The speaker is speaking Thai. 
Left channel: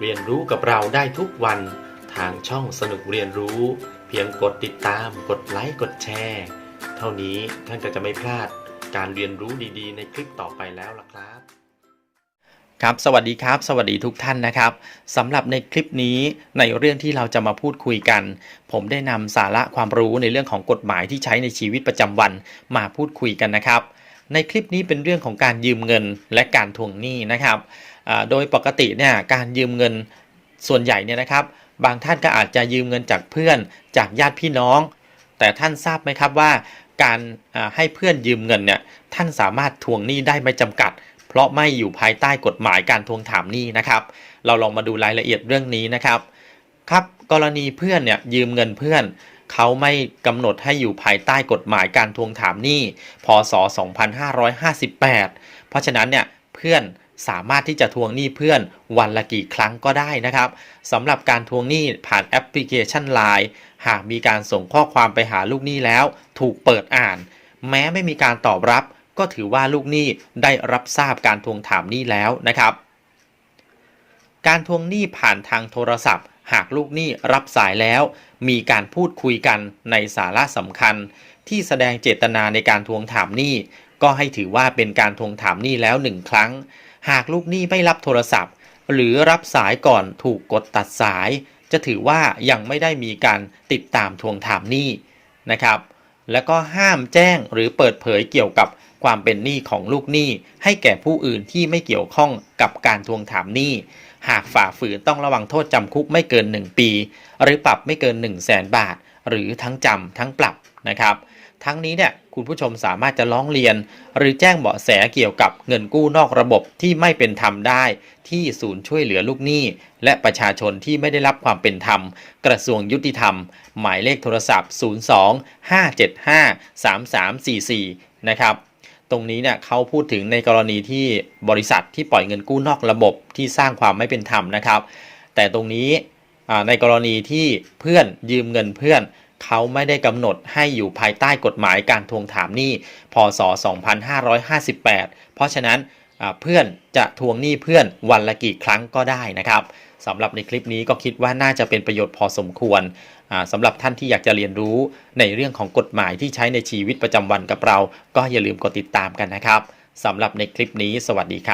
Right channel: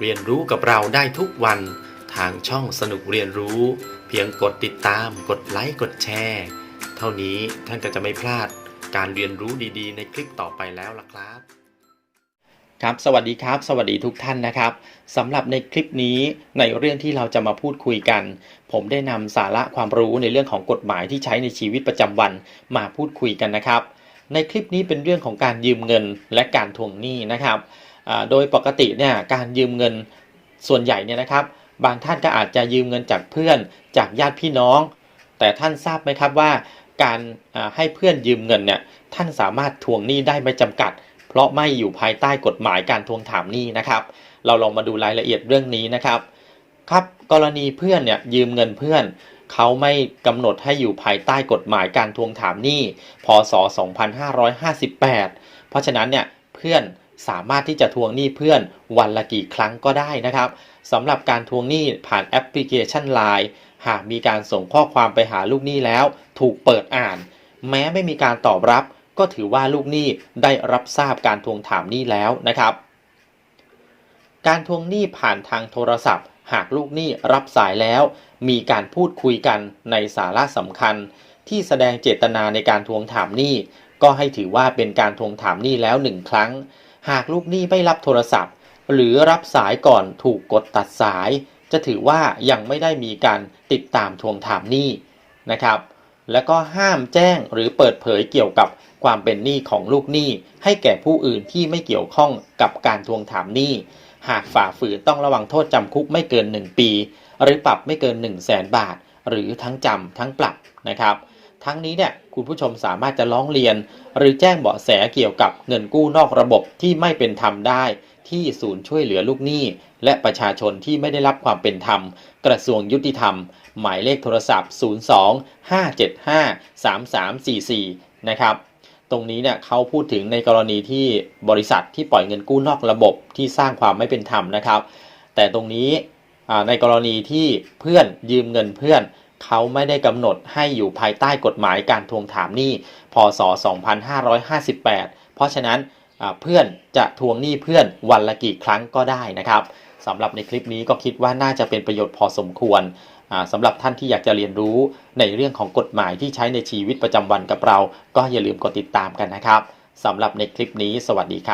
เรียนรู้กับเราได้ทุกวันทางช่องสนุกเรียนรู้ เพียงกดติดตาม กดไลค์กดแชร์ เท่านี้ท่านก็จะไม่พลาดการเรียนรู้ดีๆ ในคลิปต่อไปแล้วล่ะครับ ครับสวัสดีครับ สวัสดีทุกท่านนะครับสำหรับในคลิปนี้ในเรื่องที่เราจะมาพูดคุยกัน ผมได้นำสาระความรู้ในเรื่องของกฎหมายที่ใช้ในชีวิตประจำวันมาพูดคุยกันนะครับ ในคลิปนี้เป็นเรื่องของการยืมเงินและการทวงหนี้นะครับโดยปกติเนี่ยการยืมเงินส่วนใหญ่เนี่ยนะครับ บางท่านก็อาจจะยืมเงินจากเพื่อนจากญาติพี่น้อง แต่ท่านทราบไหมครับว่า การให้เพื่อนยืมเงินเนี่ยท่านสามารถทวงหนี้ได้ไม่จำกัด เพราะไม่อยู่ภายใต้กฎหมายการทวงถามหนี้นะครับ เราลองมาดูรายละเอียดเรื่องนี้นะครับครับกรณีเพื่อนเนี่ยยืมเงินเพื่อน เขาไม่กำหนดให้อยู่ภายใต้กฎหมายการทวงถามหนี้ พศ 2558 เพราะฉะนั้นเนี่ยเพื่อนสามารถที่จะทวงหนี้เพื่อนวันละกี่ครั้งก็ได้นะครับสำหรับการทวงหนี้ผ่านแอปพลิเคชัน Line หากมีการส่งข้อความไปหาลูกหนี้แล้ว ถูกเปิดอ่าน แม้ไม่มีการตอบรับ ก็ถือว่าลูกหนี้ได้รับทราบการทวงถามหนี้แล้วนะครับ การทวงหนี้ผ่านทางโทรศัพท์ หากลูกหนี้รับสายแล้ว มีการพูดคุยกันในสาระสำคัญ ที่แสดงเจตนาในการทวงถามหนี้ ก็ให้ถือว่าเป็นการทวงถามหนี้แล้วหนึ่งครั้ง หากลูกหนี้ไม่รับโทรศัพท์ หรือรับสายก่อนถูกกดตัดสาย จะถือว่ายังไม่ได้มีการติดตามทวงถามหนี้นะครับ แล้วก็ห้ามแจ้งหรือเปิดเผยเกี่ยวกับความเป็นหนี้ของลูกหนี้ให้แก่ผู้อื่นที่ไม่เกี่ยวข้องกับการทวงถามหนี้ หากฝ่าฝืนต้องระวังโทษจำคุกไม่เกิน 1 ปี หรือปรับไม่เกิน 1 0 0 0 0แสนบาท หรือทั้งจำทั้งปรับนะครับทั้งนี้เนี่ยคุณผู้ชมสามารถจะร้องเรียน หรือแจ้งเบาะแสเกี่ยวกับเงินกู้นอกระบบที่ไม่เป็นธรรมได้ ที่ศูนย์ช่วยเหลือลูกหนี้ และประชาชนที่ไม่ได้รับความเป็นธรรม กระทรวงยุติธรรม หมายเลขโทรศัพท์ 02 575 3344 นะครับ รงนี้เนี่ยเขาพูดถึงในกรณีที่บริษัทที่ปล่อยเงินกู้นอกระบบที่สร้างความไม่เป็นธรรมนะครับ แต่ตรงนี้ในกรณีที่เพื่อนยืมเงินเพื่อนเขาไม่ได้กำหนดให้อยู่ภายใต้กฎหมายการทวงถามหนี้พศ 2558 เพราะฉะนั้นเพื่อนจะทวงหนี้เพื่อนวันละกี่ครั้งก็ได้นะครับ สำหรับในคลิปนี้ก็คิดว่าน่าจะเป็นประโยชน์พอสมควรสำหรับท่านที่อยากจะเรียนรู้ในเรื่องของกฎหมายที่ใช้ในชีวิตประจำวันกับเรา ก็อย่าลืมกดติดตามกันนะครับสำหรับในคลิปนี้ สวัสดีครับ